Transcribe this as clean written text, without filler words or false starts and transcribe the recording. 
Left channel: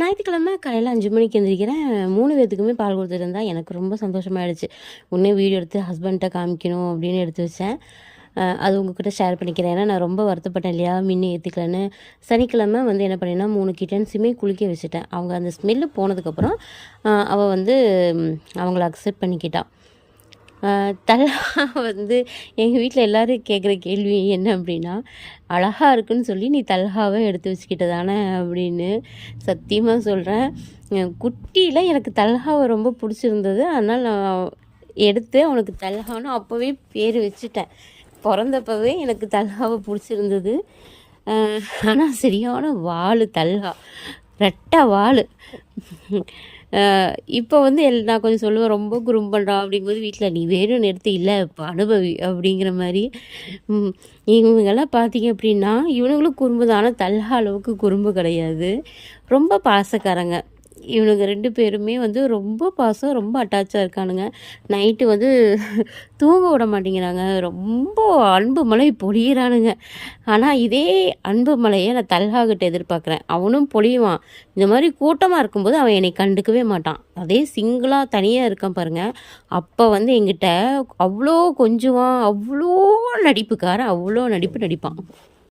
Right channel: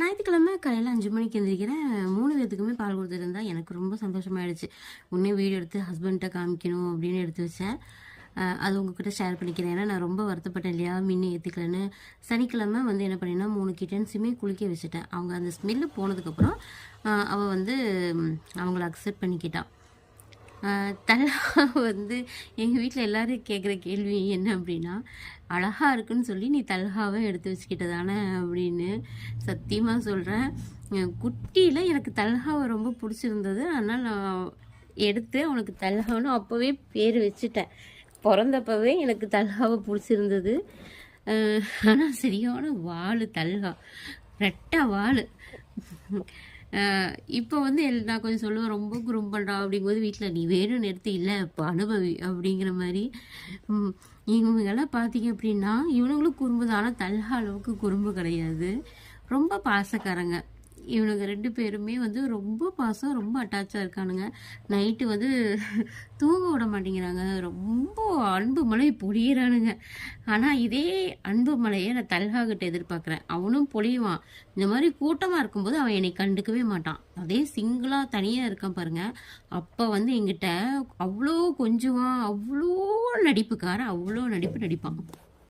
ஞாயிற்றுக்கிழமை காலையில் 5 மணிக்கு எந்திரிக்கிறேன். 3 பேத்துக்குமே பால் கொடுத்துட்டு இருந்தா எனக்கு ரொம்ப சந்தோஷமாயிடுச்சு. உடனே வீடியோ எடுத்து ஹஸ்பண்ட்ட காமிக்கணும் அப்படின்னு எடுத்து வச்சேன். அது உங்ககிட்ட ஷேர் பண்ணிக்கிறேன். ஏன்னா நான் ரொம்ப வருத்தப்பட்டேன் இல்லையா, மின்னு ஏற்றிக்கலன்னு. சனிக்கிழமை வந்து என்ன பண்ணேன்னா 3 கிட்டன்ஸுமே குளிக்க வச்சுட்டேன். அவங்க அந்த ஸ்மெல்லு போனதுக்கப்புறம் அவள் வந்து அவங்கள அக்செப்ட் பண்ணிக்கிட்டான். தல்ஹா வந்து எங்கள் வீட்டில் எல்லோரும் கேட்குற கேள்வி என்ன அப்படின்னா, அழகாக இருக்குன்னு சொல்லி நீ தல்ஹாவை எடுத்து வச்சுக்கிட்ட தானே அப்படின்னு. சத்தியமாக சொல்கிறேன், குட்டியில் எனக்கு தல்ஹாவை ரொம்ப பிடிச்சிருந்தது. அதனால் நான் எடுத்து அவனுக்கு தல்ஹான்னு அப்போவே பேர் வச்சுட்டேன். பிறந்தப்பவே எனக்கு தல்ஹாவை பிடிச்சிருந்தது. ஆனால் சரியான வாள் தல்ஹா, ரெட்டை வாள். இப்போ வந்து நான் கொஞ்சம் சொல்லுவேன், ரொம்ப குறும்பு பண்ணுறான் அப்படிங்கும்போது வீட்டில் நீ வேணும்னு எடுத்து இல்லை இப்போ அனுபவி அப்படிங்கிற மாதிரி. இவங்கெல்லாம் பார்த்தீங்க அப்படின்னா இவனுங்களும் குறும்பு தான், ஆனால் தல்ஹா அளவுக்கு குறும்பு கிடையாது. ரொம்ப பாசக்காரங்க. இவனுங்க 2 பேருமே வந்து ரொம்ப பாசம், ரொம்ப அட்டாச்சாக இருக்கானுங்க. நைட்டு வந்து தூங்க விட மாட்டேங்கிறாங்க. ரொம்ப அன்பு மழை பொழியிறானுங்க. ஆனால் இதே அன்பு மழையை நான் தல்ஹாகிட்ட எதிர்பார்க்குறேன். அவனும் பொழியுவான். இந்த மாதிரி கூட்டமாக இருக்கும்போது அவன் என்னை கண்டுக்கவே மாட்டான். அதே சிங்கிளாக தனியாக இருக்கான் பாருங்கள், அப்போ வந்து என்கிட்ட அவ்வளோ கொஞ்சுவான். அவ்வளோ நடிப்புக்காரன், அவ்வளோ நடிப்பான்.